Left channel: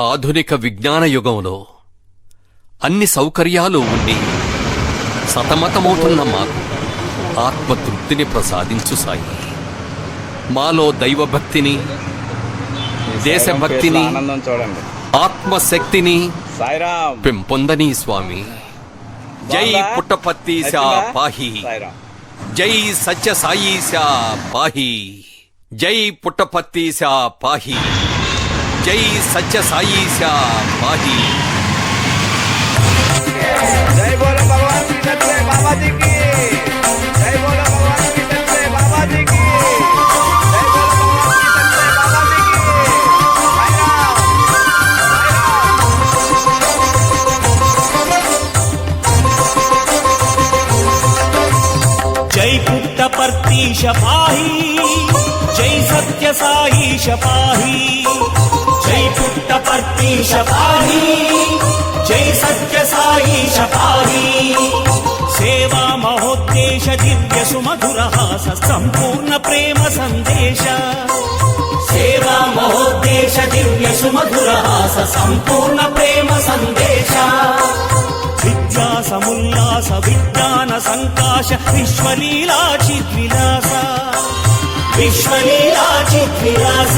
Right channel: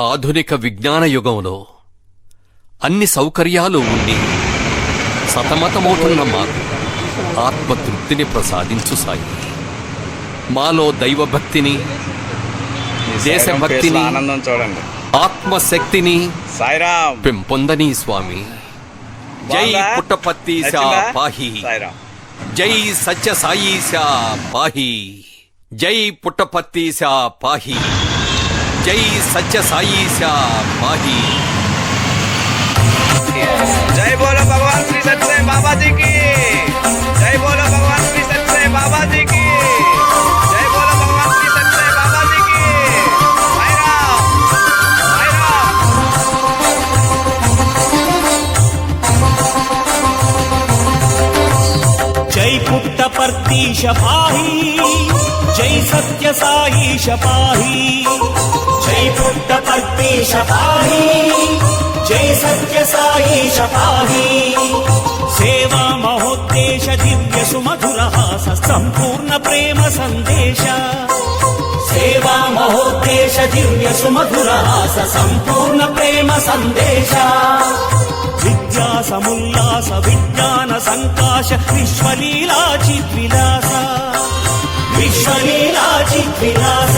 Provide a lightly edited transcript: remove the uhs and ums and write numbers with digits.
ఆధునిక విజ్ఞాన యుగంలో అన్ని సౌకర్యాలు ఉండి సతమతమవుతున్న మాకు ఆత్మతృప్తిని ప్రసాదించు సాయి. మాలో దైవభక్తిని, దేశభక్తిని, ఆత్మశక్తిని పెంపొందని స్వామి. జై పుట్టపర్తీశా పాహి, జై సత్య సాయీశా పాహి, జై పుట్టపర్తీశా పాహి, జై సత్య సాయీశా పాహి. जय बोलो भगवान श्री सत्य बाबा जी की, जय बोलो भगवान श्री सत्य बाबा जी की, जय बोलो भगवान श्री सत्य बाबा जी की. साई राम, साई राम. जय पुट्टपर्तीश पाहि, जय सत्य साईश पाहि, जय पुट्टपर्तीश पाहि, जय सत्य साईश पाहि. सेवा महोद्देश दिव्य सुमधुरहास संपूर्ण प्रेम संदेश, सेवा महोद्देश दिव्य सुमधुरहास संपूर्ण प्रेम संदेश. विद्यासमुल्लास विज्ञान संकाश विश्वलीला चिद्विलास, विश्वलीला चिद्विलास.